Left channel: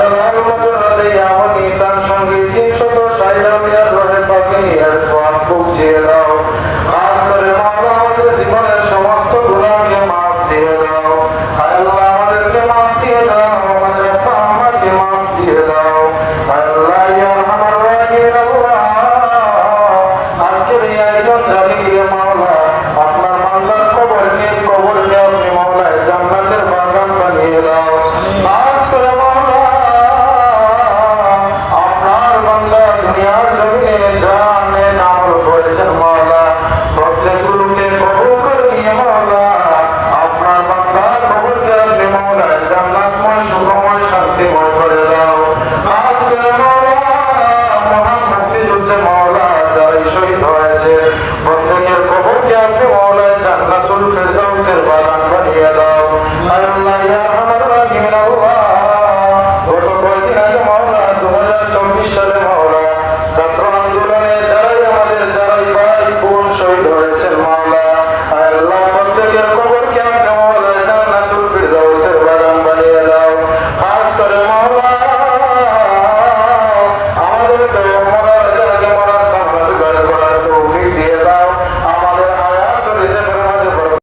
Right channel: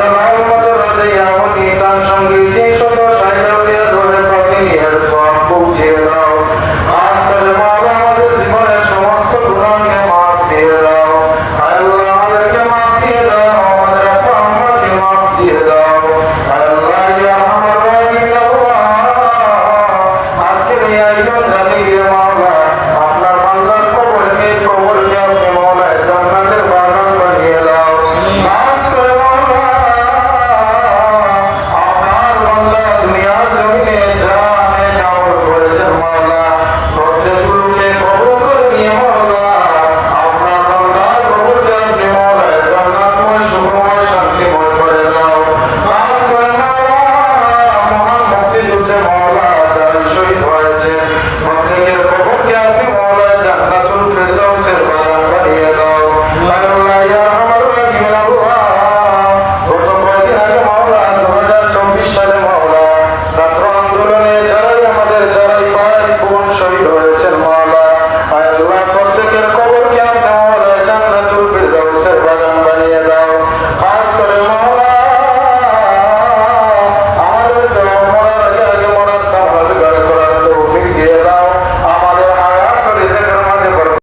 আমাদের আমাকে তার সঙ্গে প্রত্যেকের কবরকে আমি সমবেলায় জান্নাতুল ফিরদাউসের বাগান বানিয়ে দাও পাঁচ করে মহলা